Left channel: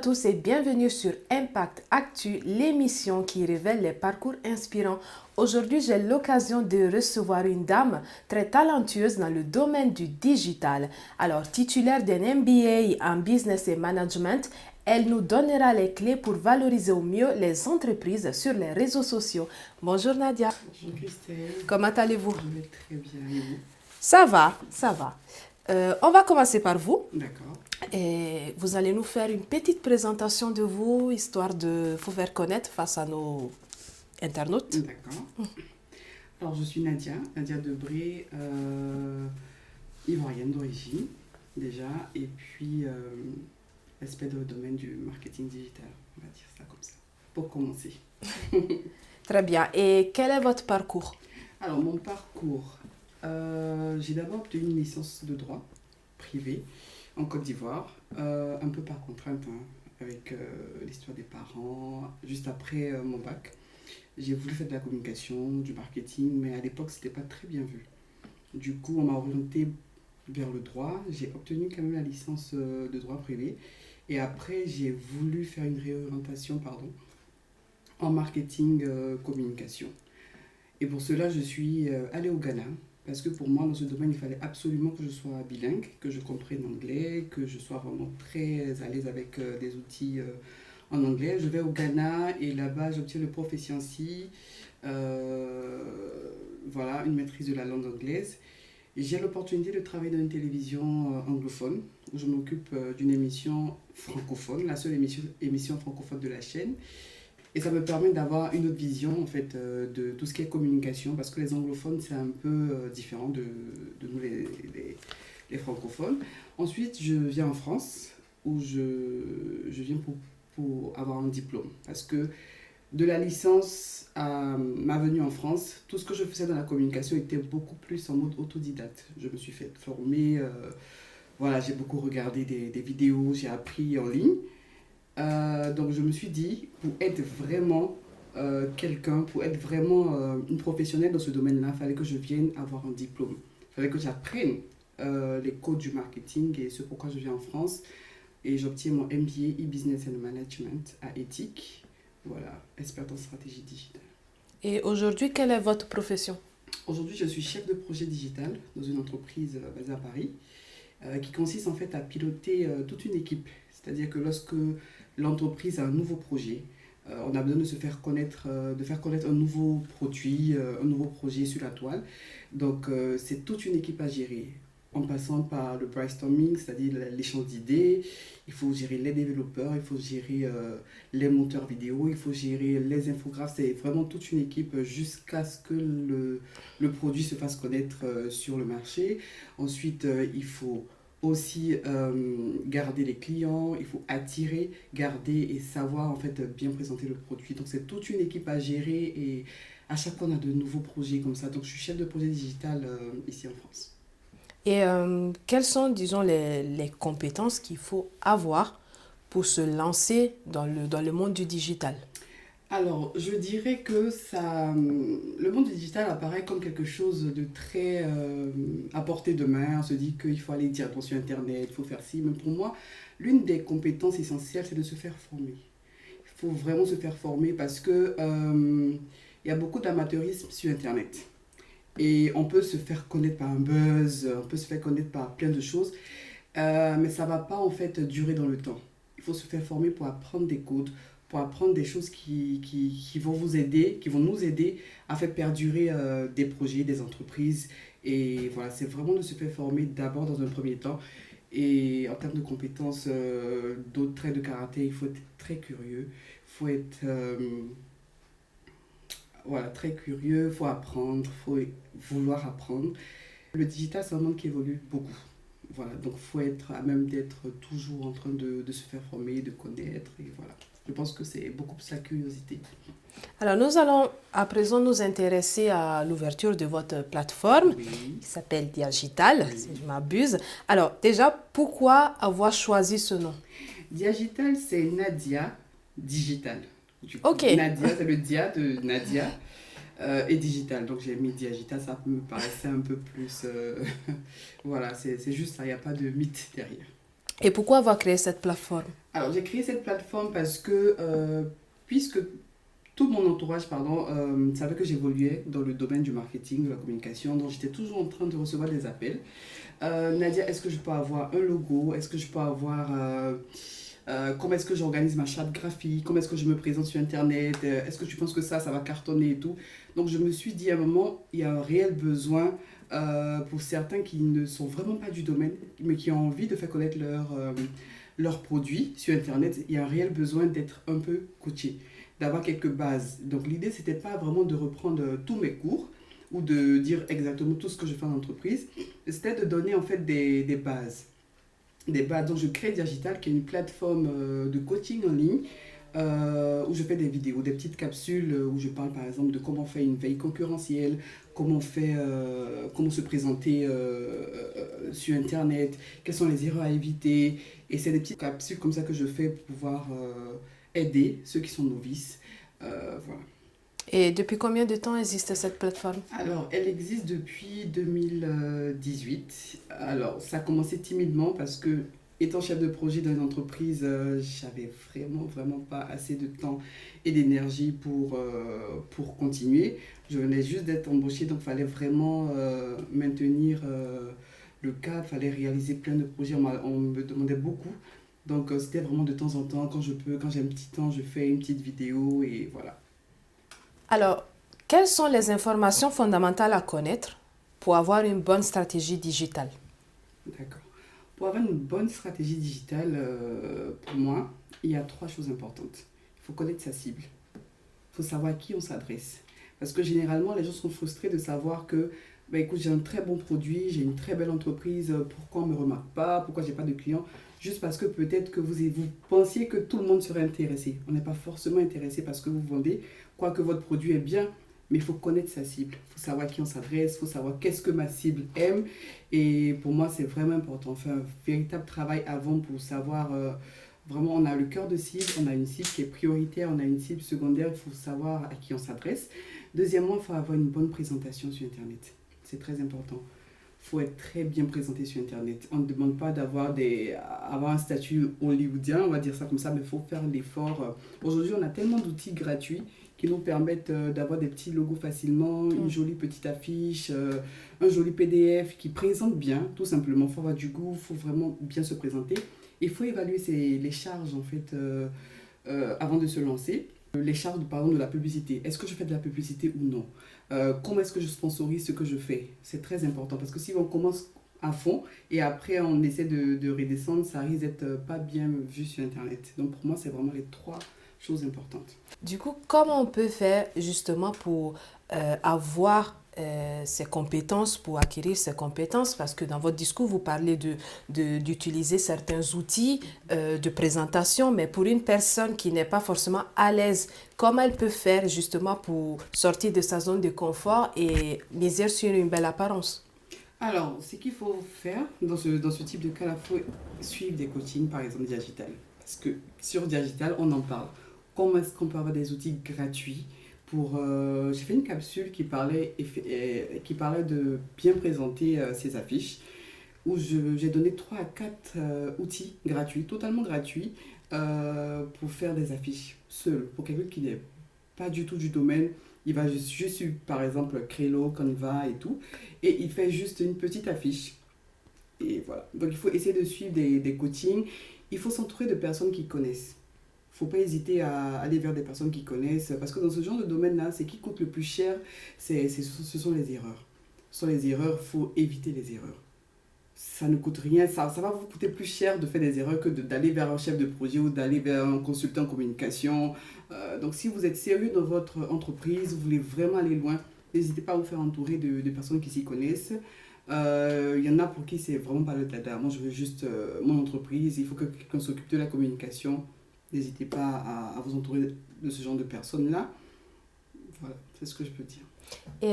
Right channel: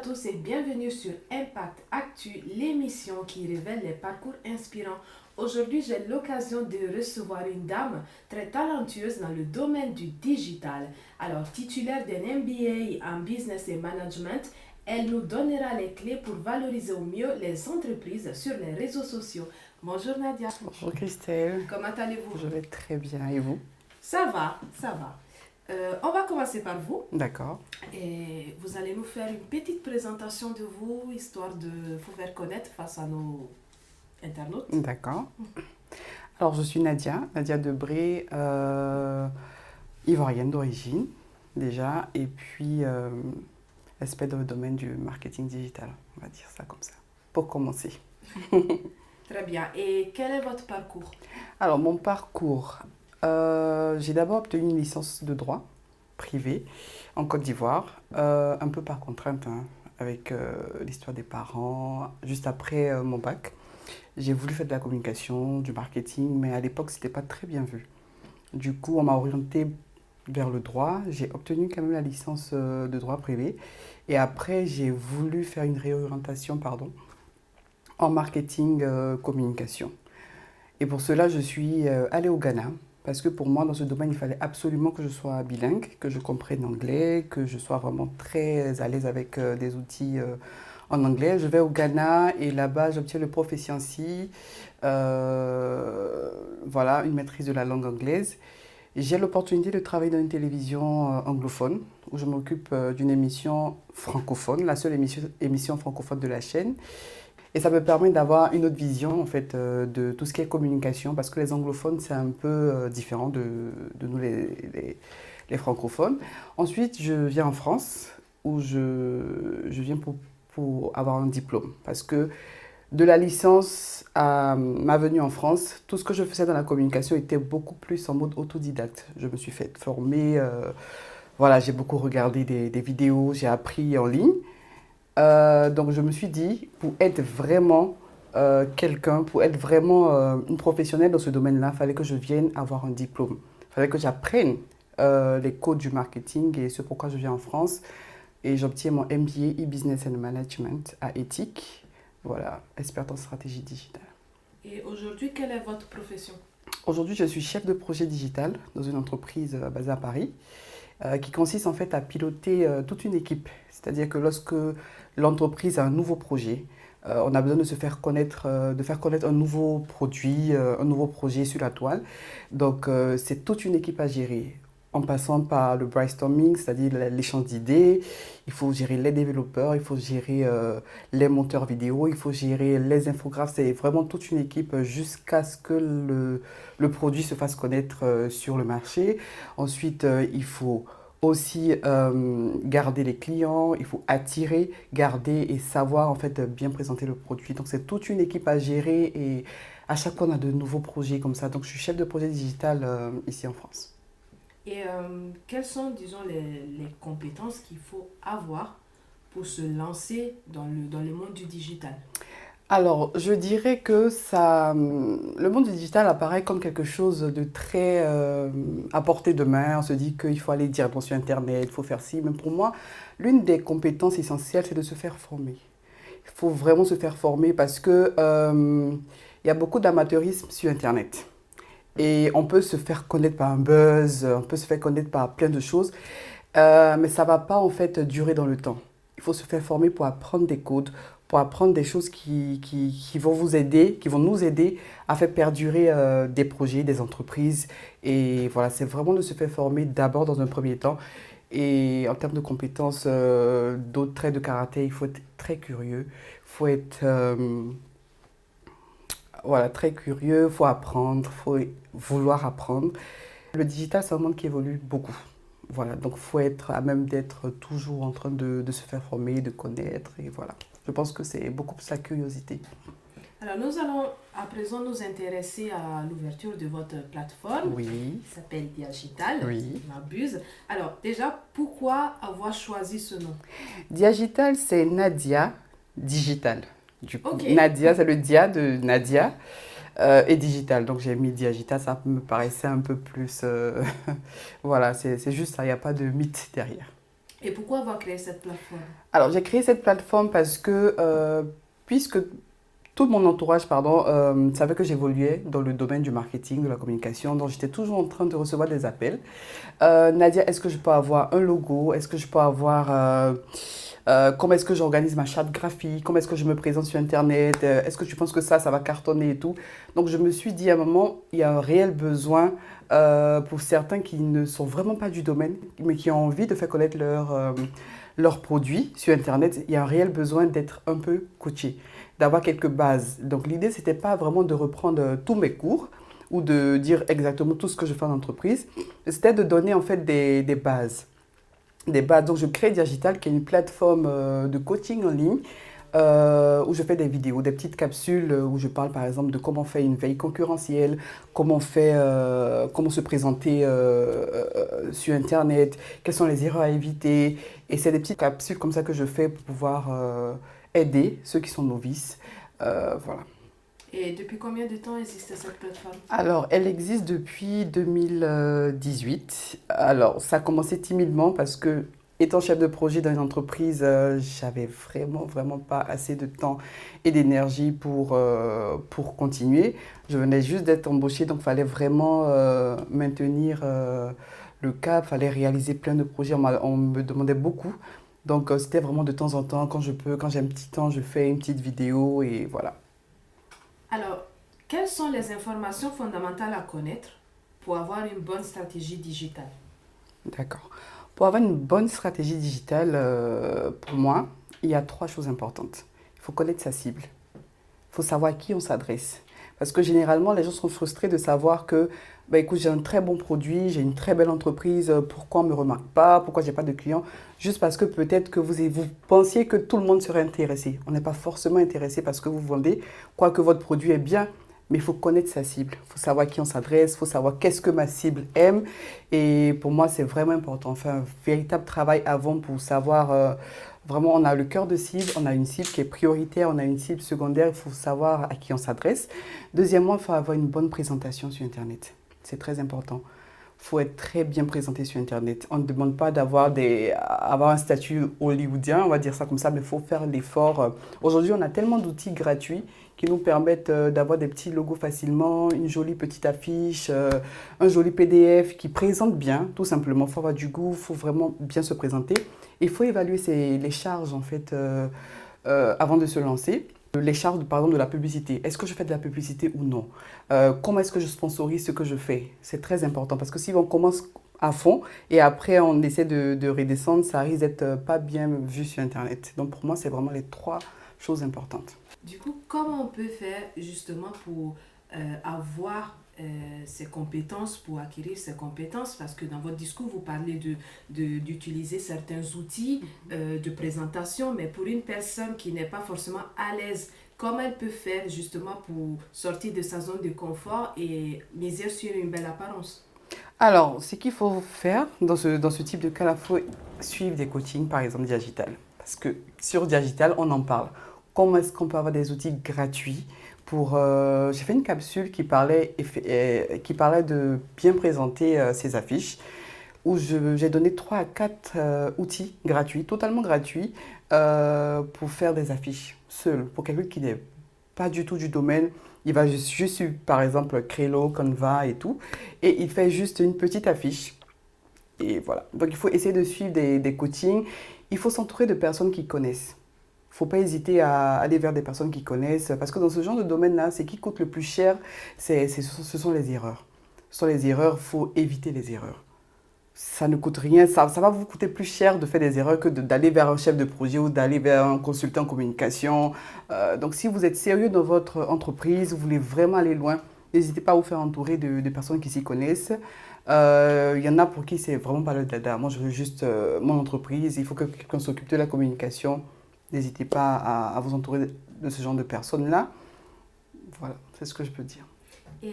tous et bienvenue sur Impact Actu, l'émission qui révèle les parcours inspirants. Aujourd'hui, j'ai l'occasion de recevoir une dame très talentueuse dans le domaine du digital. Alors, titulaire d'un MBA en Business et Management, elle nous donnera les clés pour valoriser au mieux les entreprises sur les réseaux sociaux. Bonjour Nadia. Bonjour Christelle. Comment allez-vous? Je vais très bien. Et vous? Ça va, ça va. On va commencer par vous. D'accord. Et vous allez nous faire une petite présentation de vous, histoire de vous faire connaître face à nos internautes. D'accord. Alors, je suis Nadia Debré, ivoirienne d'origine, déjà, et puis expert dans le domaine du marketing digital, on va dire ça comme ça, pour commencer. Très bien. Et quel est votre parcours? Alors, mon parcours, j'ai d'abord obtenu une licence de droit privé en Côte d'Ivoire, un peu par contrainte, hein, avec l'histoire des parents. Juste après mon bac, j'ai voulu faire de la communication, du marketing, mais à l'époque, ce n'était pas très bien vu. Du coup, on m'a orientée vers le droit. J'ai obtenu quand même la licence de droit privé. Et après, j'ai voulu faire une réorientation, en marketing communication. Et pour cela, je suis allée au Ghana. Parce que pour moi, dans ce domaine, il fallait absolument que je sois bilingue, que je comprenne l'anglais, que je sois vraiment très à l'aise avec des outils en anglais. Je vais au Ghana et là-bas, j'obtiens le proficiency, voilà, une maîtrise de la langue anglaise. J'ai l'opportunité de travailler dans une télévision anglophone où je m'occupe d'une émission francophone, la seule émission francophone de la chaîne. Et ça me permet d'avoir une autre vision en fait, de tout ce qui est communication, parce que les anglophones, c'est un peu différent de nous les francophones. Ensuite, je viens en France, où je viens pour avoir un diplôme. Parce que de la licence à ma venue en France, tout ce que je faisais dans la communication était beaucoup plus en mode autodidacte. Je me suis fait former, voilà, j'ai beaucoup regardé des vidéos, j'ai appris en ligne. Donc je me suis dit, pour être vraiment quelqu'un, pour être vraiment une professionnelle dans ce domaine-là, il fallait que je vienne avoir un diplôme. Il fallait que j'apprenne les codes du marketing et c'est pourquoi je viens en France. Et j'obtiens mon MBA e-Business and Management à Éthique. Voilà, experte en stratégie digitale. Et aujourd'hui, quelle est votre profession? Aujourd'hui, je suis chef de projet digital dans une entreprise basée à Paris qui consiste en fait à piloter toute une équipe. C'est-à-dire que lorsque l'entreprise a un nouveau projet, on a besoin de se faire connaître, de faire connaître un nouveau produit, un nouveau projet sur la toile. Donc, c'est toute une équipe à gérer, en passant par le brainstorming, c'est-à-dire l'échange d'idées. Il faut gérer les développeurs, il faut gérer les monteurs vidéo, il faut gérer les infographes. C'est vraiment toute une équipe jusqu'à ce que le produit se fasse connaître sur le marché. Ensuite, il faut aussi garder les clients, il faut attirer, garder et savoir en fait bien présenter le produit. Donc c'est toute une équipe à gérer et à chaque fois on a de nouveaux projets comme ça. Donc je suis chef de projet digital ici en France. Et quelles sont, disons, les compétences qu'il faut avoir pour se lancer dans le monde du digital? Alors, je dirais que le monde du digital apparaît comme quelque chose de très à portée de main. On se dit qu'il faut aller directement sur Internet, il faut faire ci. Mais pour moi, l'une des compétences essentielles, c'est de se faire former. Il faut vraiment se faire former parce que il y a beaucoup d'amateurisme sur Internet. Et on peut se faire connaître par un buzz, on peut se faire connaître par plein de choses, mais ça ne va pas en fait durer dans le temps. Il faut se faire former pour apprendre des codes, pour apprendre des choses qui vont vous aider, qui vont nous aider à faire perdurer des projets, des entreprises. Et voilà, c'est vraiment de se faire former d'abord dans un premier temps. Et en termes de compétences, d'autres traits de caractère, il faut être très curieux, il faut être voilà, très curieux, il faut apprendre, il faut vouloir apprendre. Le digital, c'est un monde qui évolue beaucoup. Voilà, donc il faut être à même d'être toujours en train de se faire former, de connaître, et voilà. Je pense que c'est beaucoup plus la curiosité. Alors, nous allons à présent nous intéresser à l'ouverture de votre plateforme Oui, qui s'appelle Diagital, oui. si je m'abuse. Alors, déjà, pourquoi avoir choisi ce nom? Diagital, c'est Nadia Digital. Du coup, Ok. Nadia, c'est le dia de Nadia et digital. Donc j'ai mis Diagital, ça me paraissait un peu plus... voilà, c'est juste ça, il n'y a pas de mythe derrière. Et pourquoi avoir créé cette plateforme? Alors, j'ai créé cette plateforme parce que, puisque tout mon entourage, pardon, savait que j'évoluais dans le domaine du marketing, de la communication, donc j'étais toujours en train de recevoir des appels. Nadia, est-ce que je peux avoir un logo? Est-ce que je peux avoir... comment est-ce que j'organise ma charte graphique? Comment est-ce que je me présente sur Internet? Est-ce que tu penses que ça va cartonner et tout? Donc, je me suis dit à un moment, il y a un réel besoin pour certains qui ne sont vraiment pas du domaine, mais qui ont envie de faire connaître leurs produits sur Internet. Il y a un réel besoin d'être un peu coaché, d'avoir quelques bases. Donc, l'idée, c'était pas vraiment de reprendre tous mes cours ou de dire exactement tout ce que je fais en entreprise. C'était de donner en fait des bases. Des bases. Donc, je crée Digital, qui est une plateforme de coaching en ligne où je fais des vidéos, des petites capsules où je parle par exemple de comment faire une veille concurrentielle, comment se présenter sur Internet, quelles sont les erreurs à éviter. Et c'est des petites capsules comme ça que je fais pour pouvoir aider ceux qui sont novices. Voilà. Et depuis combien de temps existe cette plateforme? Alors, elle existe depuis 2018. Alors, ça a commencé timidement parce que, étant chef de projet dans une entreprise, j'avais vraiment pas assez de temps et d'énergie pour continuer. Je venais juste d'être embauchée, donc il fallait vraiment maintenir le cap, il fallait réaliser plein de projets. On me demandait beaucoup. Donc, c'était vraiment de temps en temps, quand je peux, quand j'ai un petit temps, je fais une petite vidéo et voilà. Alors, quelles sont les informations fondamentales à connaître pour avoir une bonne stratégie digitale? D'accord. Pour avoir une bonne stratégie digitale, pour moi, il y a trois choses importantes. Il faut connaître sa cible. Il faut savoir à qui on s'adresse. Parce que généralement, les gens sont frustrés de savoir que, bah, écoute, j'ai un très bon produit, j'ai une très belle entreprise, pourquoi on ne me remarque pas, pourquoi j'ai pas de clients? Juste parce que peut-être que vous pensiez que tout le monde serait intéressé. On n'est pas forcément intéressé parce que vous vendez, quoique votre produit est bien, mais il faut connaître sa cible. Il faut savoir à qui on s'adresse, il faut savoir qu'est-ce que ma cible aime. Et pour moi, c'est vraiment important. On fait un véritable travail avant pour savoir, vraiment, on a le cœur de cible, on a une cible qui est prioritaire, on a une cible secondaire, il faut savoir à qui on s'adresse. Deuxièmement, il faut avoir une bonne présentation sur Internet. C'est très important. Il faut être très bien présenté sur Internet. On ne demande pas avoir un statut hollywoodien, on va dire ça comme ça, mais il faut faire l'effort. Aujourd'hui, on a tellement d'outils gratuits qui nous permettent d'avoir des petits logos facilement, une jolie petite affiche, un joli PDF qui présente bien, tout simplement. Il faut avoir du goût, il faut vraiment bien se présenter. Il faut évaluer les charges, en fait, avant de se lancer. Les charges, par exemple, de la publicité. Est-ce que je fais de la publicité ou non? Comment est-ce que je sponsorise ce que je fais? C'est très important parce que si on commence à fond et après on essaie de redescendre, ça risque d'être pas bien vu sur Internet. Donc pour moi, c'est vraiment les trois choses importantes. Du coup, comment on peut faire justement pour avoir ces compétences, pour acquérir ces compétences? Parce que dans votre discours, vous parlez d'utiliser certains outils de présentation, mais pour une personne qui n'est pas forcément à l'aise, comment elle peut faire justement pour sortir de sa zone de confort et miser sur une belle apparence? Alors, ce qu'il faut faire dans ce type de cas, il faut suivre des coachings, par exemple Digital. Parce que sur Digital, on en parle. Comment est-ce qu'on peut avoir des outils gratuits pour... j'ai fait une capsule qui parlait de bien présenter ses affiches, où j'ai donné 3 à 4 outils gratuits, totalement gratuits, pour faire des affiches seul. Pour quelqu'un qui n'est pas du tout du domaine, il va juste suivre, par exemple, Crelo, Canva et tout, et il fait juste une petite affiche. Et voilà. Donc, il faut essayer de suivre des coachings. Il faut s'entourer de personnes qui connaissent. Il ne faut pas hésiter à aller vers des personnes qui connaissent, parce que dans ce genre de domaine-là, ce qui coûte le plus cher, ce sont les erreurs. Ce sont les erreurs, il faut éviter les erreurs. Ça ne coûte rien, ça va vous coûter plus cher de faire des erreurs que d'aller vers un chef de projet ou d'aller vers un consultant en communication. Donc si vous êtes sérieux dans votre entreprise, vous voulez vraiment aller loin, n'hésitez pas à vous faire entourer de personnes qui s'y connaissent. Il y en a pour qui c'est vraiment pas le dada. Moi, je veux juste mon entreprise, il faut que quelqu'un s'occupe de la communication. N'hésitez pas à vous entourer de ce genre de personnes-là. Voilà, c'est ce que je peux dire. Et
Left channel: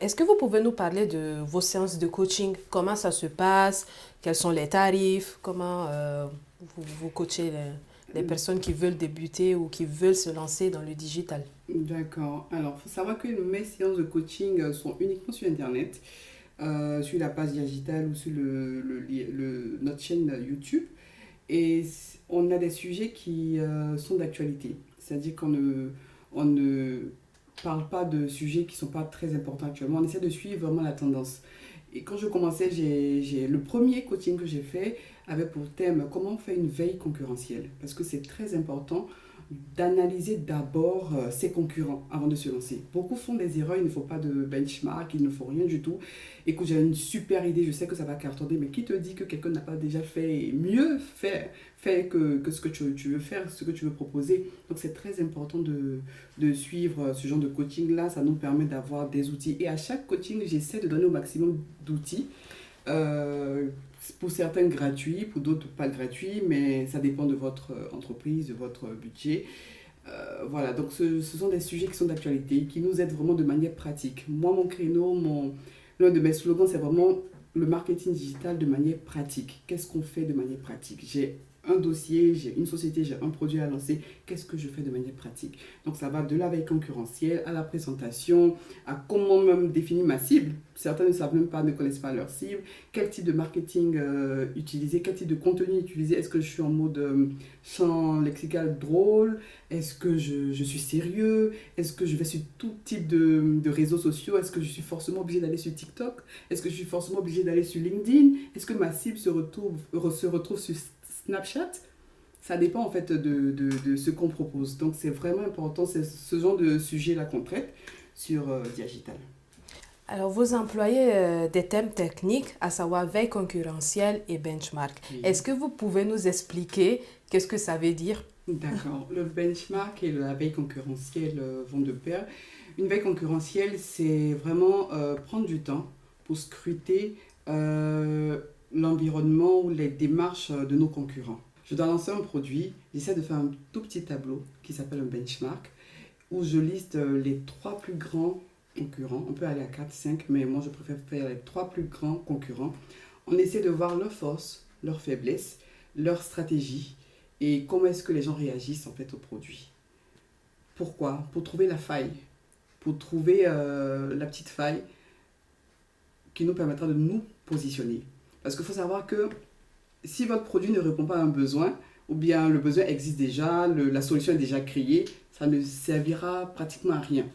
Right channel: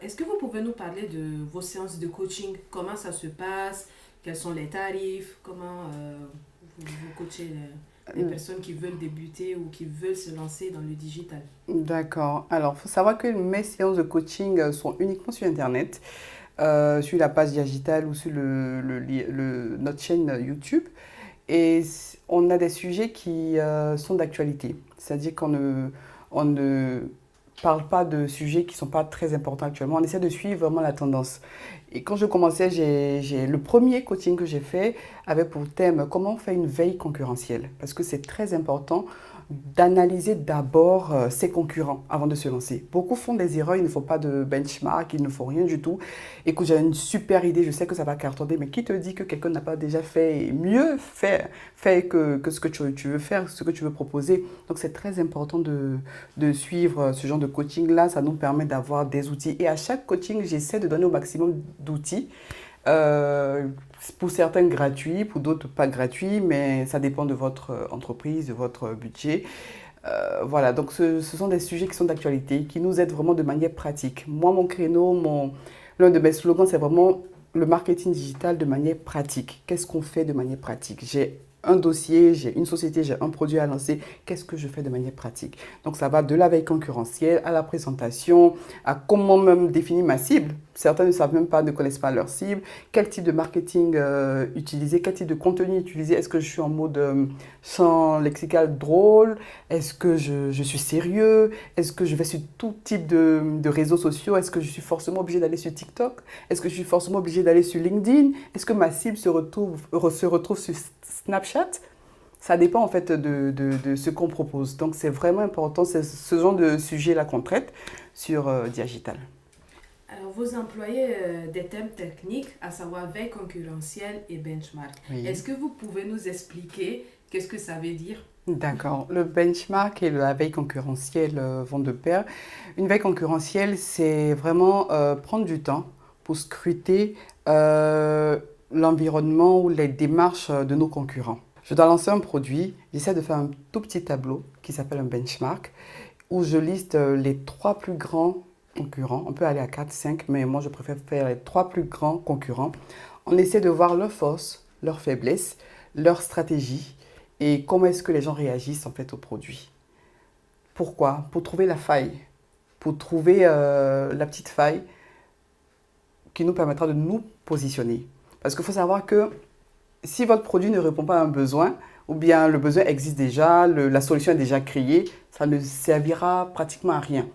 est-ce que vous pouvez nous parler de vos séances de coaching? Comment ça se passe? Quels sont les tarifs? Comment vous coachez les personnes qui veulent débuter ou qui veulent se lancer dans le digital? D'accord. Alors, il faut savoir que mes séances de coaching sont uniquement sur Internet, sur la page digitale ou sur notre chaîne YouTube. Et on a des sujets qui sont d'actualité. C'est-à-dire on ne parle pas de sujets qui ne sont pas très importants actuellement. On essaie de suivre vraiment la tendance. Et quand je commençais, le premier coaching que j'ai fait avait pour thème comment faire une veille concurrentielle. Parce que c'est très important d'analyser d'abord ses concurrents avant de se lancer. Beaucoup font des erreurs, il ne faut pas de benchmark, il ne faut rien du tout. Écoute, j'ai une super idée, je sais que ça va cartonner, mais qui te dit que quelqu'un n'a pas déjà fait mieux fait que ce que tu veux faire, ce que tu veux proposer. Donc c'est très important de suivre ce genre de coaching-là, ça nous permet d'avoir des outils. Et à chaque coaching, j'essaie de donner au maximum d'outils. Euh, pour certains gratuits, pour d'autres pas gratuits, mais ça dépend de votre entreprise, de votre budget. Voilà, donc ce sont des sujets qui sont d'actualité, qui nous aident vraiment de manière pratique. Moi, mon créneau, l'un de mes slogans, c'est vraiment le marketing digital de manière pratique. Qu'est-ce qu'on fait de manière pratique? J'ai un dossier, j'ai une société, j'ai un produit à lancer. Qu'est-ce que je fais de manière pratique? Donc, ça va de la veille concurrentielle à la présentation, à comment même définir ma cible. Certains ne savent même pas, ne connaissent pas leur cible. Quel type de marketing utiliser? Quel type de contenu utiliser? Est-ce que je suis en mode champ lexical drôle? Est-ce que je suis sérieux? Est-ce que je vais sur tout type de réseaux sociaux? Est-ce que je suis forcément obligé d'aller sur TikTok? Est-ce que je suis forcément obligé d'aller sur LinkedIn? Est-ce que ma cible se retrouve sur Snapchat? Ça dépend en fait de ce qu'on propose. Donc c'est vraiment important, c'est ce genre de sujet-là qu'on traite sur Digital. Alors, vous employez des thèmes techniques, à savoir veille concurrentielle et benchmark. Oui. Est-ce que vous pouvez nous expliquer qu'est-ce que ça veut dire? D'accord. Le benchmark et la veille concurrentielle vont de pair. Une veille concurrentielle, c'est vraiment prendre du temps pour scruter l'environnement ou les démarches de nos concurrents. Je dois lancer un produit, j'essaie de faire un tout petit tableau qui s'appelle un benchmark, où je liste les trois plus grands concurrents. On peut aller à 4, 5, mais moi je préfère faire les trois plus grands concurrents. On essaie de voir leurs forces, leurs faiblesses, leurs stratégies et comment est-ce que les gens réagissent en fait au produit. Pourquoi? Pour trouver la faille, pour trouver la petite faille qui nous permettra de nous positionner. Parce qu'il faut savoir que si votre produit ne répond pas à un besoin, ou bien le besoin existe déjà, la solution est déjà créée, ça ne servira pratiquement à rien.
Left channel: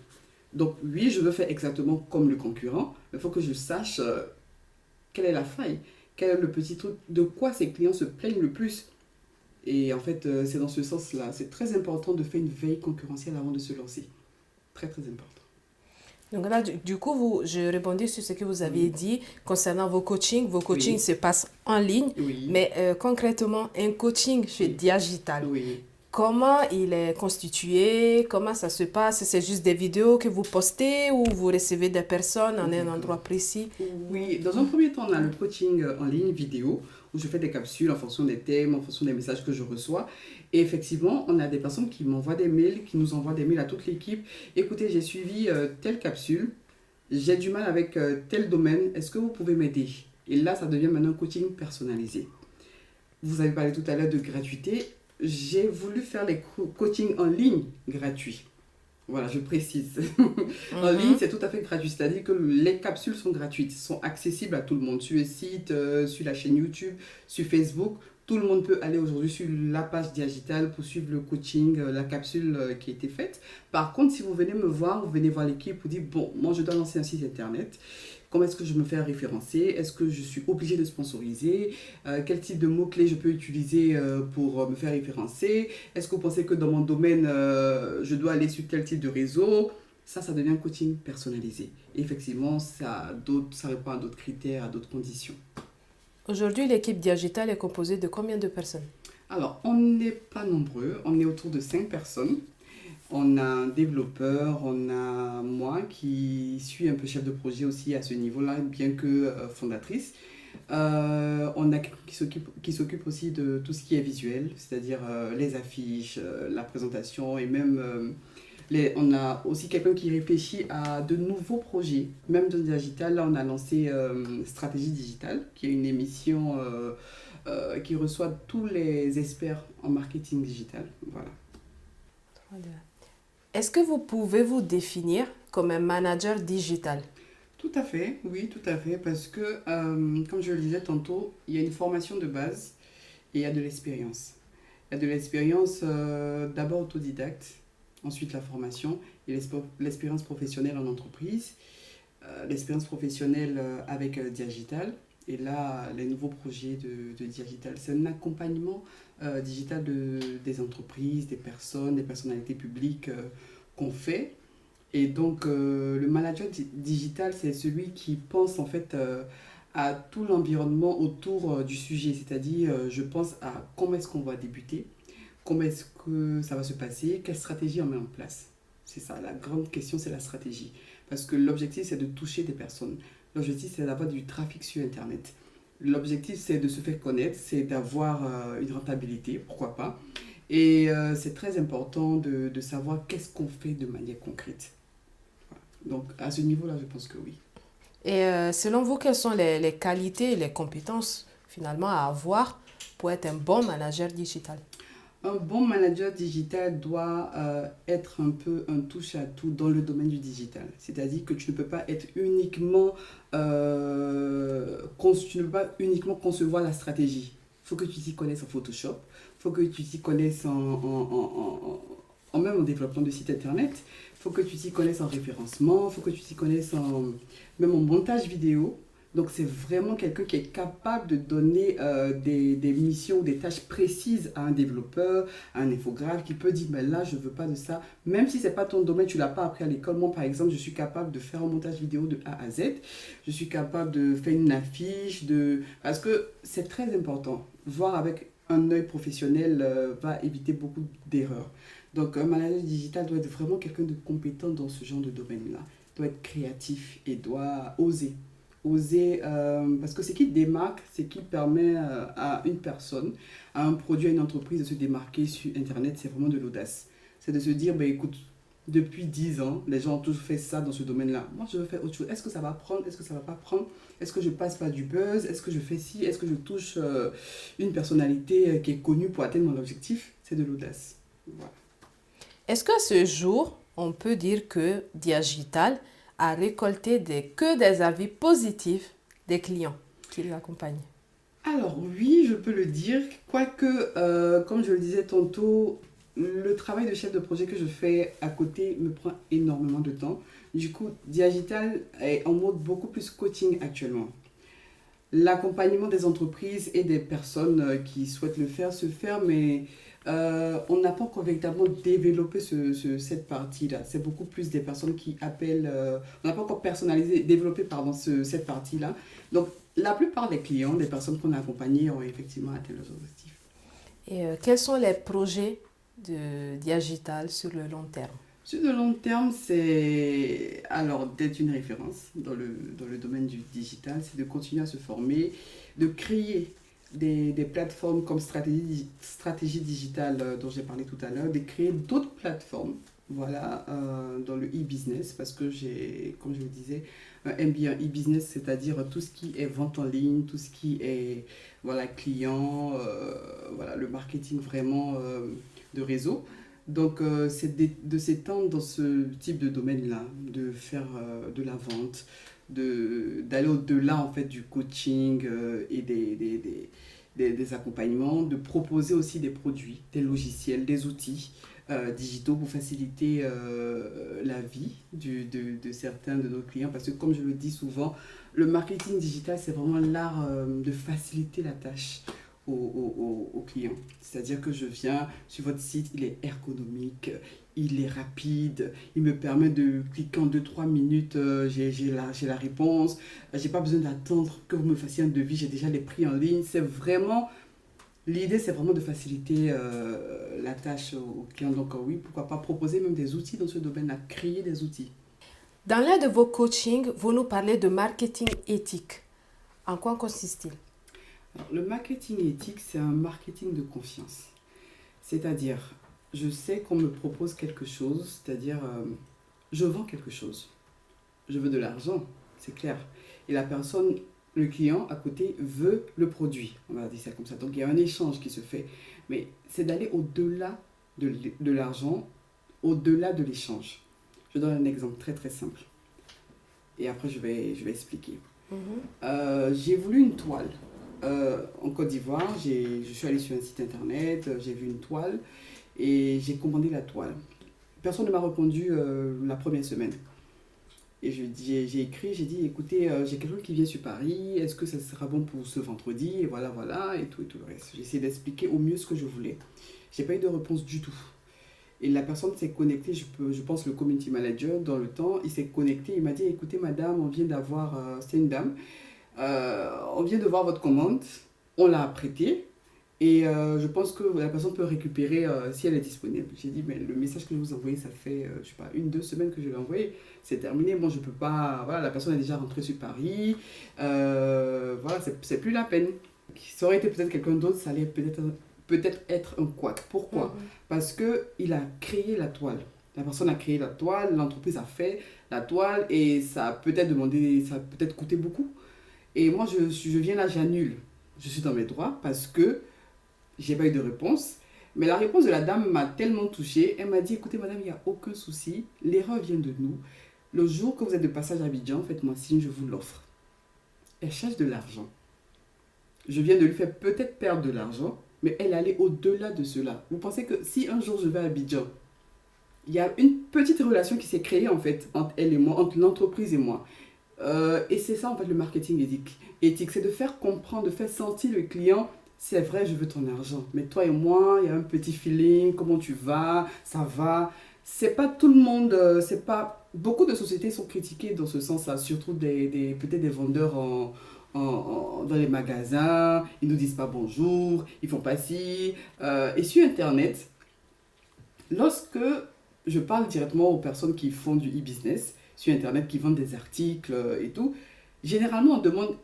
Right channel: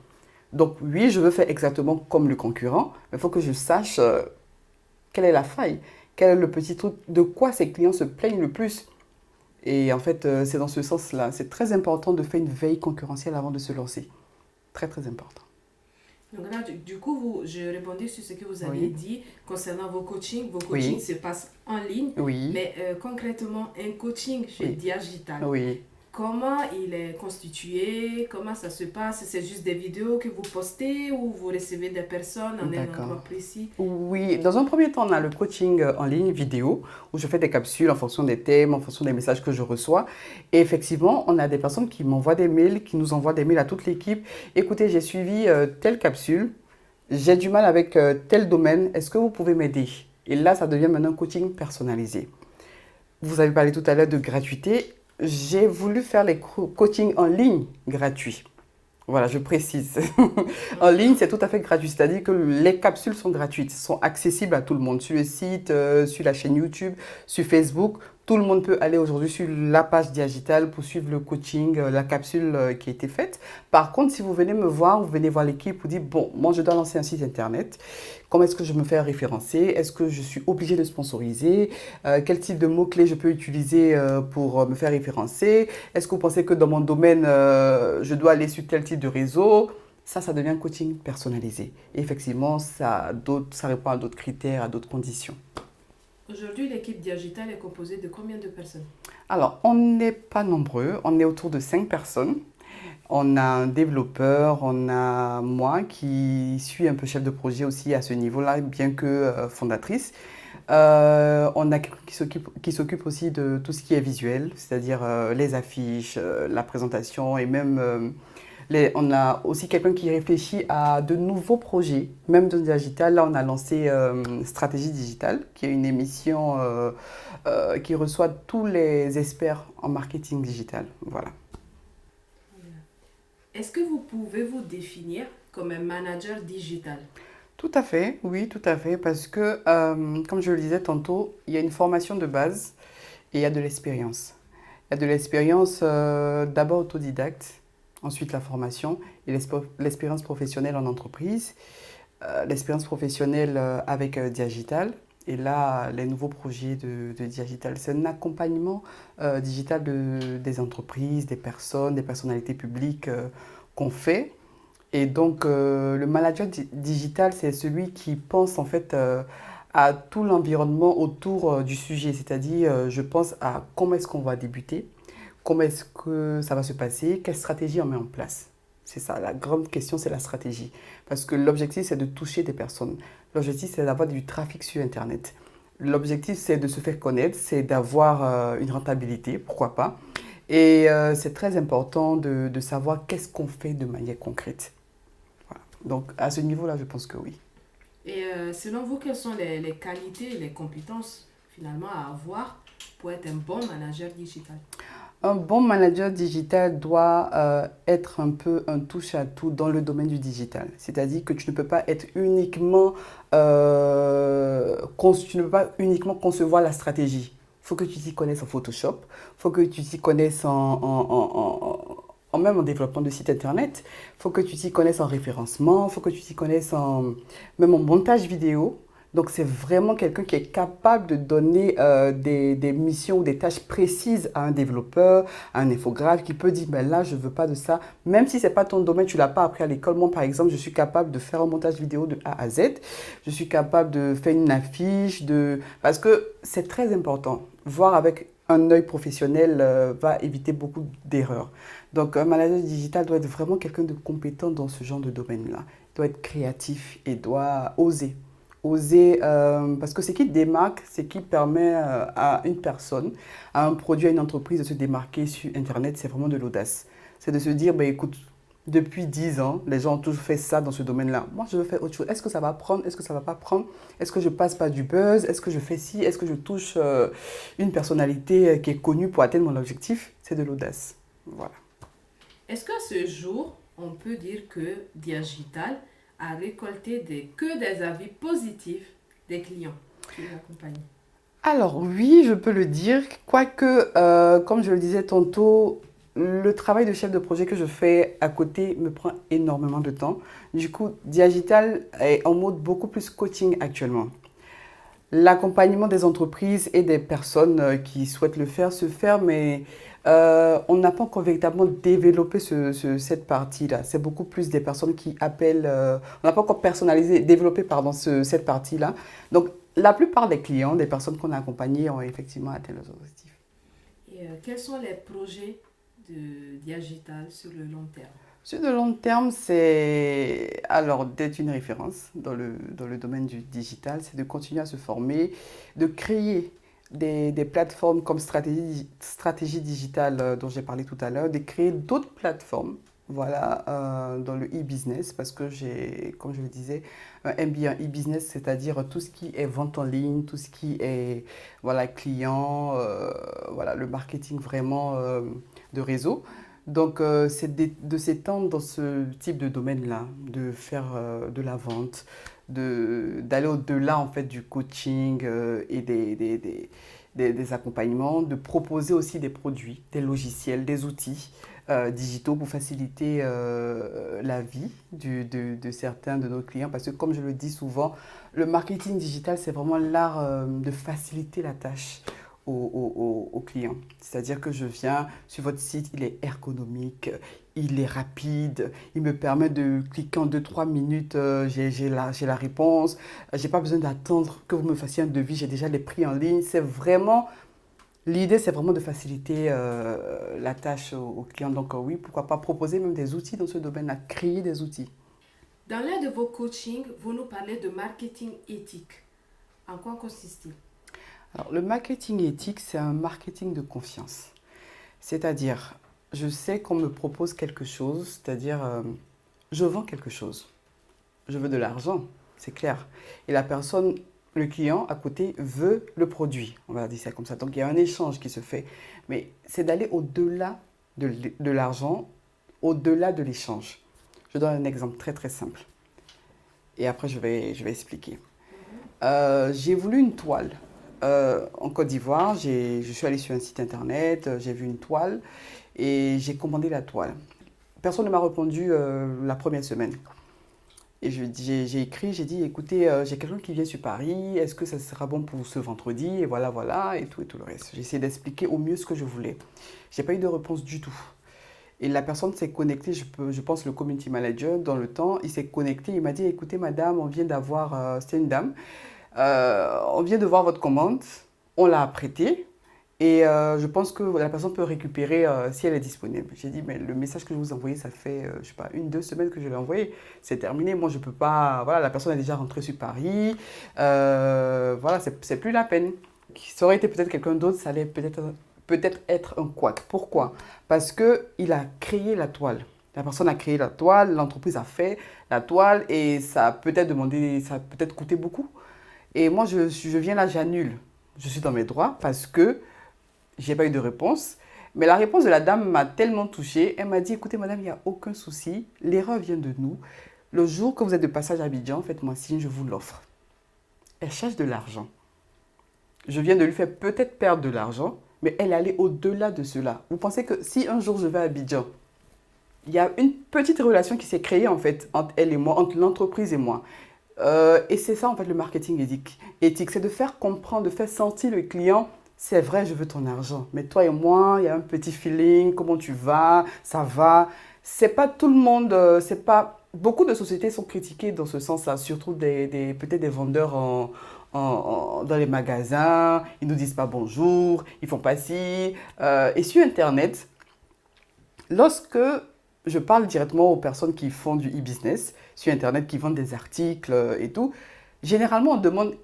Donc oui, je veux faire exactement comme le concurrent, mais il faut que je sache quelle est la faille, quel est le petit truc, de quoi ces clients se plaignent le plus. Et en fait, c'est dans ce sens-là. C'est très important de faire une veille concurrentielle avant de se lancer. Très, très important. Donc là, du coup, je répondais sur ce que vous aviez Oui. dit concernant vos coachings. Vos coachings Oui. se passent en ligne, Oui. mais concrètement, un coaching chez Oui. Digital, Oui. comment il est constitué? Comment ça se passe? C'est juste des vidéos que vous postez ou vous recevez des personnes en un D'accord. endroit précis? Oui, dans un premier temps, on a le coaching en ligne vidéo où je fais des capsules en fonction des thèmes, en fonction des messages que je reçois. Et effectivement, on a des personnes qui m'envoient des mails, qui nous envoient des mails à toute l'équipe. Écoutez, j'ai suivi telle capsule, j'ai du mal avec tel domaine, est-ce que vous pouvez m'aider? Et là, ça devient maintenant un coaching personnalisé. Vous avez parlé tout à l'heure de gratuité. J'ai voulu faire les coachings en ligne gratuits. Voilà, je précise. En ligne, c'est tout à fait gratuit. C'est-à-dire que les capsules sont gratuites, sont accessibles à tout le monde. Sur le site, sur la chaîne YouTube, sur Facebook. Tout le monde peut aller aujourd'hui sur la page Digital pour suivre le coaching, la capsule qui a été faite. Par contre, si vous venez me voir, vous venez voir l'équipe, vous dites, bon, moi je dois lancer un site internet. Comment est-ce que je me fais référencer? Est-ce que je suis obligé de sponsoriser? Quel type de mots-clés je peux utiliser pour me faire référencer? Est-ce que vous pensez que dans mon domaine, je dois aller sur tel type de réseau? Ça devient un coaching personnalisé. Et effectivement, ça répond à d'autres critères, à d'autres conditions. Aujourd'hui, l'équipe Digital est composée de combien de personnes? Alors, on n'est pas nombreux, on est autour de 5 personnes. On a un développeur, on a moi qui suis un peu chef de projet aussi à ce niveau-là, bien que fondatrice. On a quelqu'un qui s'occupe aussi de tout ce qui est visuel, c'est-à-dire les affiches, la présentation et même on a aussi quelqu'un qui réfléchit à de nouveaux projets, même dans le digital. Là, on a lancé Stratégie Digitale, qui est une émission qui reçoit tous les experts en marketing digital. Voilà. Est-ce que vous pouvez vous définir comme un manager digital? Tout à fait, oui, tout à fait, parce que, comme je le disais tantôt, il y a une formation de base et il y a de l'expérience. Il y a de l'expérience d'abord autodidacte, ensuite la formation et l'expérience professionnelle en entreprise, l'expérience professionnelle avec Diagital. Et là, les nouveaux projets de Diagital, c'est un accompagnement digital des entreprises, des personnes, des personnalités publiques qu'on fait. Et donc, le manager digital, c'est celui qui pense en fait à tout l'environnement autour du sujet. C'est-à-dire, je pense à comment est-ce qu'on va débuter, comment est-ce que ça va se passer, quelle stratégie on met en place. C'est ça, la grande question, c'est la stratégie. Parce que l'objectif, c'est de toucher des personnes. L'objectif, c'est d'avoir du trafic sur Internet. L'objectif, c'est de se faire connaître, c'est d'avoir une rentabilité, pourquoi pas. Et c'est très important de savoir qu'est-ce qu'on fait de manière concrète. Voilà. Donc, à ce niveau-là, je pense que oui. Et selon vous, quelles sont les qualités et les compétences finalement à avoir pour être un bon manager digital? Un bon manager digital doit être un peu un touche-à-tout dans le domaine du digital. C'est-à-dire que tu ne peux pas être uniquement, tu ne peux pas uniquement concevoir la stratégie. Il faut que tu t'y connaisses en Photoshop, il faut que tu t'y connaisses même en développement de site internet, il faut que tu t'y connaisses en référencement, il faut que tu t'y connaisses même en montage vidéo. Donc, c'est vraiment quelqu'un qui est capable de donner des missions ou des tâches précises à un développeur, à un infographe, qui peut dire, ben là, je ne veux pas de ça. Même si ce n'est pas ton domaine, tu ne l'as pas appris à l'école. Moi, par exemple, je suis capable de faire un montage vidéo de A à Z. Je suis capable de faire une affiche, parce que c'est très important. Voir avec un œil professionnel va éviter beaucoup d'erreurs. Donc, un manager digital doit être vraiment quelqu'un de compétent dans ce genre de domaine-là. Il doit être créatif et doit oser. Oser, parce que ce qui démarque, ce qui permet à une personne, à un produit, à une entreprise de se démarquer sur Internet, c'est vraiment de l'audace. C'est de se dire, bah, écoute, depuis 10 ans, les gens ont toujours fait ça dans ce domaine-là. Moi, je veux faire autre chose. Est-ce que ça va prendre? Est-ce que ça ne va pas prendre? Est-ce que je passe par du buzz? Est-ce que je fais ci? Est-ce que je touche une personnalité qui est connue pour atteindre mon objectif? C'est de l'audace. Voilà. Est-ce qu'à ce jour, on peut dire que Diagital a récolté que des avis positifs des clients qui l'accompagnent? Alors oui, je peux le dire, quoique, comme je le disais tantôt, le travail de chef de projet que je fais à côté me prend énormément de temps. Du coup, Diagital est en mode beaucoup plus coaching actuellement. L'accompagnement des entreprises et des personnes qui souhaitent le faire se fait, mais on n'a pas encore véritablement développé cette partie-là. C'est beaucoup plus des personnes qui appellent, on n'a pas encore personnalisé, développé pardon, cette partie-là. Donc, la plupart des clients, des personnes qu'on a accompagnées ont effectivement atteint leurs objectifs. Et quels sont les projets de Diagital sur le long terme? Sur le long terme, c'est alors d'être une référence dans le domaine du digital, c'est de continuer à se former, de créer des plateformes comme stratégie digitale dont j'ai parlé tout à l'heure, de créer d'autres plateformes voilà, dans le e-business parce que j'ai, comme je le disais, un MBA e-business, c'est-à-dire tout ce qui est vente en ligne, tout ce qui est voilà, client, voilà, le marketing vraiment de réseau. Donc, c'est de s'étendre dans ce type de domaine-là, de faire de la vente, d'aller au-delà en fait du coaching et des accompagnements, de proposer aussi des produits, des logiciels, des outils digitaux pour faciliter la vie de certains de nos clients. Parce que comme je le dis souvent, le marketing digital, c'est vraiment l'art de faciliter la tâche aux clients. C'est-à-dire que je viens sur votre site, il est ergonomique, il est rapide, il me permet de cliquer en 2-3 minutes, j'ai la réponse, j'ai pas besoin d'attendre que vous me fassiez un devis, j'ai déjà les prix en ligne. L'idée c'est vraiment de faciliter la tâche aux clients. Donc oui, pourquoi pas proposer même des outils dans ce domaine-là, créer des outils. Dans l'un de vos coachings, vous nous parlez de marketing éthique. En quoi consiste-t-il? Alors, le marketing éthique, c'est un marketing de confiance. C'est-à-dire, je sais qu'on me propose quelque chose, c'est-à-dire, je vends quelque chose. Je veux de l'argent, c'est clair. Et la personne, le client à côté, veut le produit. On va dire ça comme ça. Donc, il y a un échange qui se fait. Mais c'est d'aller au-delà de l'argent, au-delà de l'échange. Je donne un exemple très très simple. Et après, je vais expliquer. J'ai voulu une toile en Côte d'Ivoire, je suis allée sur un site internet, j'ai vu une toile et j'ai commandé la toile. Personne ne m'a répondu la première semaine. Et j'ai écrit, j'ai dit, écoutez, j'ai quelqu'un qui vient sur Paris, est-ce que ça sera bon pour ce vendredi? Et voilà, voilà, et tout le reste. J'ai essayé d'expliquer au mieux ce que je voulais. J'ai pas eu de réponse du tout. Et la personne s'est connectée, je pense le community manager, dans le temps, il s'est connecté, il m'a dit, écoutez madame, on vient d'avoir, c'était une dame, on vient de voir votre commande, on l'a apprêtée, et je pense que la personne peut récupérer si elle est disponible. J'ai dit, mais le message que je vous envoyez, ça fait, je sais pas, 1, 2 semaines que je l'ai envoyé. C'est terminé. Moi, je peux pas. Voilà, la personne est déjà rentrée sur Paris. Voilà, c'est plus la peine. Ça aurait été peut-être quelqu'un d'autre, ça allait peut-être être un couac. Pourquoi? Parce qu'il a créé la toile. La personne a créé la toile, l'entreprise a fait la toile et ça a peut-être demandé, ça a peut-être coûté beaucoup. Et moi, je viens là, j'annule. Je suis dans mes droits parce que j'ai pas eu de réponse. Mais la réponse de la dame m'a tellement touchée. Elle m'a dit, écoutez madame, il n'y a aucun souci. L'erreur vient de nous. Le jour que vous êtes de passage à Abidjan, faites-moi signe, je vous l'offre. Elle cherche de l'argent. Je viens de lui faire peut-être perdre de l'argent, mais elle allait au-delà de cela. Vous pensez que si un jour je vais à Abidjan, il y a une petite relation qui s'est créée en fait entre elle et moi, entre l'entreprise et moi. Et c'est ça en fait le marketing éthique, c'est de faire comprendre, de faire sentir le client. C'est vrai, je veux ton argent, mais toi et moi, il y a un petit feeling, comment tu vas, ça va. C'est pas tout le monde, c'est pas... Beaucoup de sociétés sont critiquées dans ce sens-là, surtout peut-être des vendeurs dans les magasins, ils nous disent pas bonjour, ils font pas ci. Et sur Internet, lorsque je parle directement aux personnes qui font du e-business, sur Internet, qui vendent des articles et tout, généralement on demande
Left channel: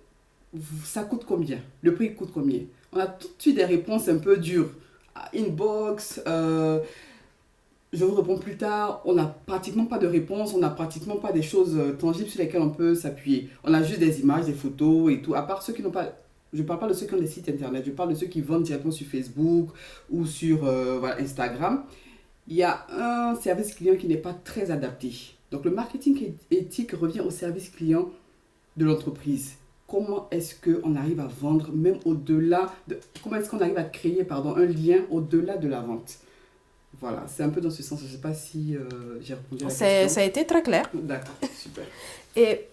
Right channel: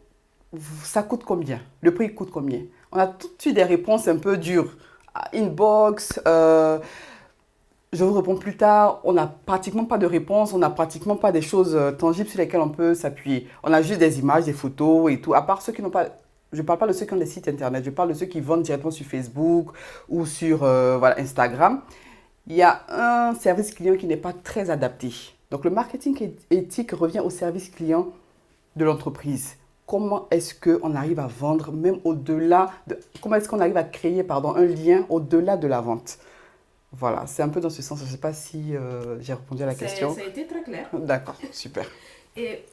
ça coûte combien? Le prix coûte combien? On a tout de suite des réponses un peu dures. Inbox, je vous réponds plus tard. On n'a pratiquement pas de réponse, on n'a pratiquement pas des choses tangibles sur lesquelles on peut s'appuyer. On a juste des images, des photos et tout. À part ceux qui n'ont pas... Je ne parle pas de ceux qui ont des sites internet, je parle de ceux qui vendent directement sur Facebook ou sur voilà, Instagram. Il y a un service client qui n'est pas très adapté. Donc le marketing éthique revient au service client de l'entreprise. Comment est-ce qu'on arrive à vendre même au-delà de... Comment est-ce qu'on arrive à créer pardon, un lien au-delà de la vente? Voilà, c'est un peu dans ce sens. Je ne sais pas si j'ai répondu à la question. Ça a été très clair. D'accord, super. Et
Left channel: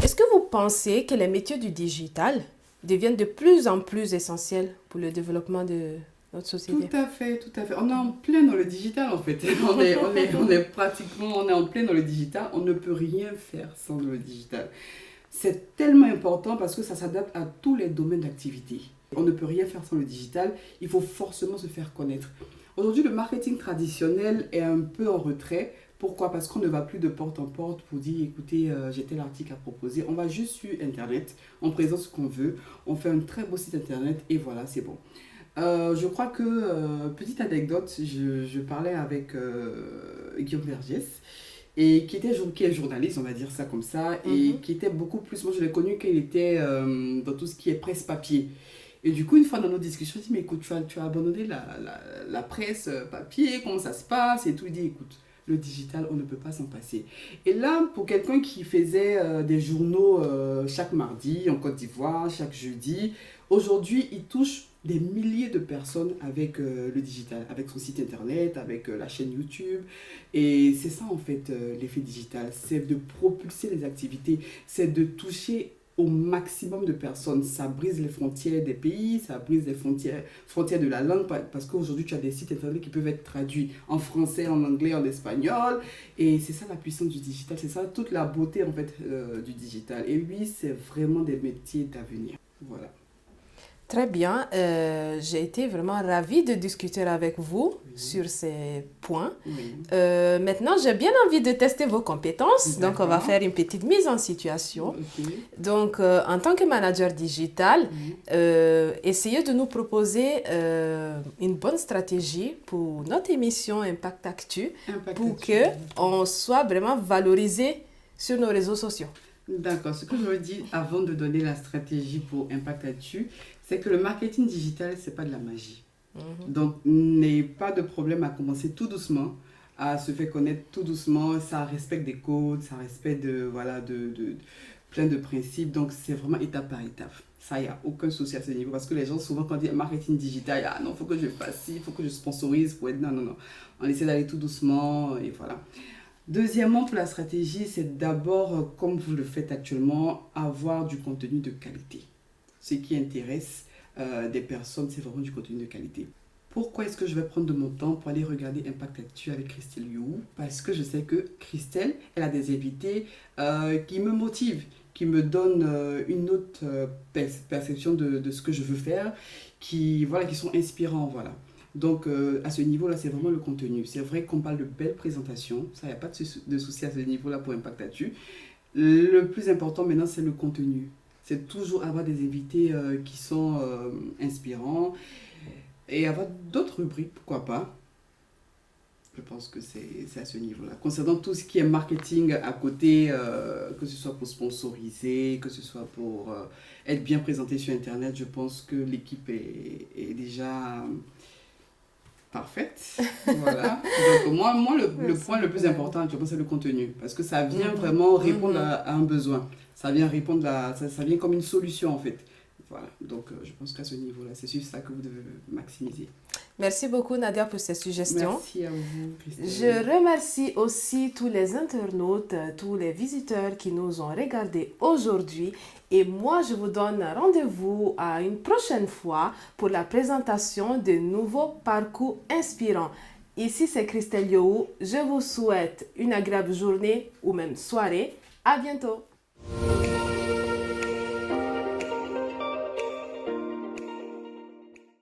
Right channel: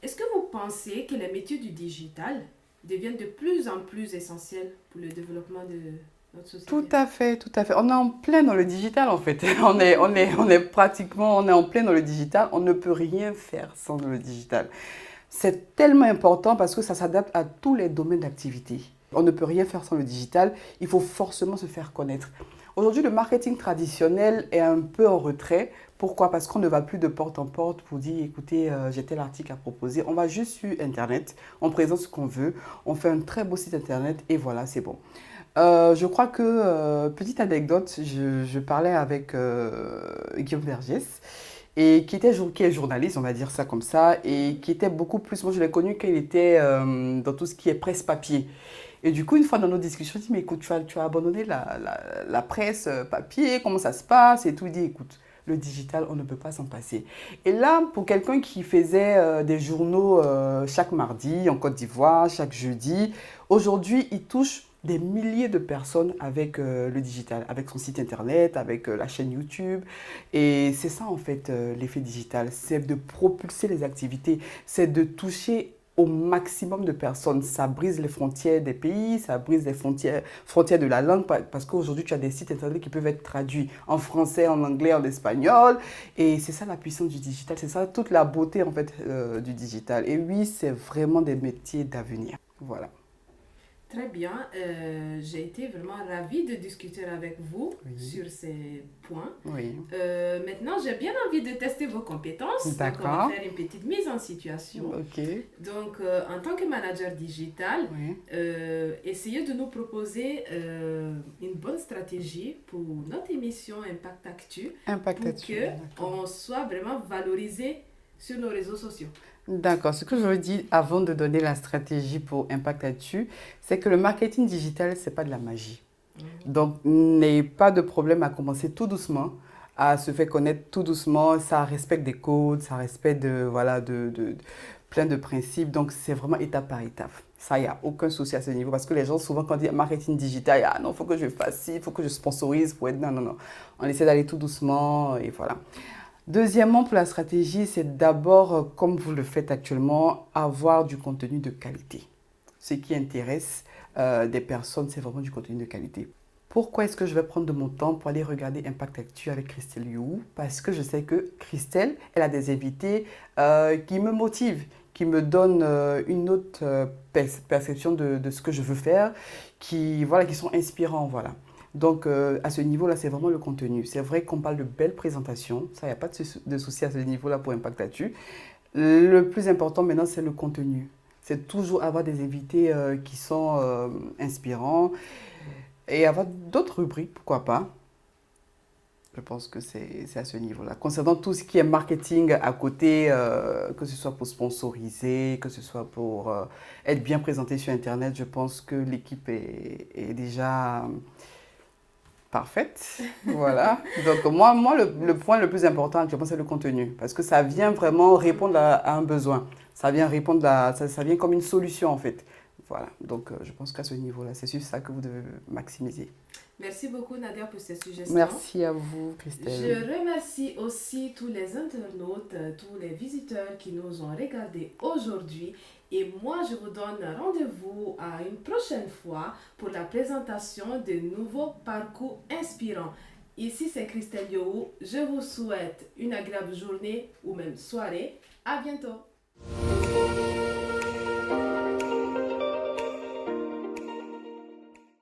est-ce que vous pensez que les métiers du digital deviennent de plus en plus essentiels pour le développement de notre société? Tout à fait, tout à fait. On est en plein dans le digital en fait. On est pratiquement, on est en plein dans le digital. On ne peut rien faire sans le digital. C'est tellement important parce que ça s'adapte à tous les domaines d'activité. On ne peut rien faire sans le digital. Il faut forcément se faire connaître. Aujourd'hui, le marketing traditionnel est un peu en retrait. Pourquoi? Parce qu'on ne va plus de porte en porte pour dire, écoutez, j'ai tel article à proposer. On va juste sur Internet, on présente ce qu'on veut, on fait un très beau site Internet et voilà, c'est bon. Je crois que, petite anecdote, je parlais avec Guillaume Vergès, et qui est journaliste, on va dire ça comme ça, et qui était beaucoup plus, moi je l'ai connu qu'il était dans tout ce qui est presse papier. Et du coup, une fois dans nos discussions, il dit, mais écoute, tu as abandonné la presse papier, comment ça se passe? Et tout, il dit, écoute, le digital, on ne peut pas s'en passer. Et là, pour quelqu'un qui faisait des journaux chaque mardi en Côte d'Ivoire, chaque jeudi, aujourd'hui, il touche des milliers de personnes avec le digital, avec son site internet, avec la chaîne YouTube. Et c'est ça en fait l'effet digital, c'est de propulser les activités, c'est de toucher au maximum de personnes. Ça brise les frontières des pays, ça brise les frontières de la langue, parce qu'aujourd'hui tu as des sites internet qui peuvent être traduits en français, en anglais, en espagnol. Et c'est ça la puissance du digital, c'est ça toute la beauté en fait du digital. Et oui, c'est vraiment des métiers d'avenir. Voilà. Très bien. J'ai été vraiment ravie de discuter avec vous sur ces points. Oui. Maintenant, j'ai bien envie de tester vos compétences. Donc, on va faire une petite mise en situation. Okay. Donc, en tant que manager digital, essayez de nous proposer une bonne stratégie pour notre émission Impact Actu pour qu'on soit vraiment valorisé sur nos réseaux sociaux. D'accord. Ce que je veux dire avant de donner la stratégie pour Impact Actu, c'est que le marketing digital, ce n'est pas de la magie. Donc, n'ayez pas de problème à commencer tout doucement, à se faire connaître tout doucement. Ça respecte des codes, ça respecte plein de principes. Donc, c'est vraiment étape par étape. Ça, il n'y a aucun souci à ce niveau. Parce que les gens, souvent, quand on dit marketing digital, ah non, il faut que je fasse ci, il faut que je sponsorise pour être... Non, non, non. On essaie d'aller tout doucement et voilà. Deuxièmement, pour la stratégie, c'est d'abord, comme vous le faites actuellement, avoir du contenu de qualité. Ce qui intéresse des personnes, c'est vraiment du contenu de qualité. Pourquoi est-ce que je vais prendre de mon temps pour aller regarder Impact Actu avec Christelle You? Parce que je sais que Christelle, elle a des invités qui me motivent, qui me donnent une autre perception de ce que je veux faire, voilà, qui sont inspirants. Voilà. Donc, à ce niveau-là, c'est vraiment le contenu. C'est vrai qu'on parle de belles présentations. Ça, il n'y a pas de souci à ce niveau-là pour Impact Actu. Le plus important maintenant, c'est le contenu. C'est toujours avoir des invités qui sont inspirants et avoir d'autres rubriques, pourquoi pas. Je pense que c'est à ce niveau-là. Concernant tout ce qui est marketing à côté, que ce soit pour sponsoriser, que ce soit pour être bien présenté sur Internet, je pense que l'équipe est déjà parfaite. Voilà. Donc moi le point le plus important, je pense, c'est le contenu. Parce que ça vient vraiment répondre à un besoin. Ça vient répondre ça vient comme une solution en fait. Voilà. Donc je pense qu'à ce niveau-là, c'est sur ça que vous devez maximiser. Merci beaucoup Nadia pour ces suggestions. Merci à vous Christelle. Je remercie aussi tous les internautes, tous les visiteurs qui nous ont regardés aujourd'hui. Et moi, je vous donne rendez-vous à une prochaine fois pour la présentation de nouveaux parcours inspirants. Ici, c'est Christelle You. Je vous souhaite une agréable journée ou même soirée. À bientôt.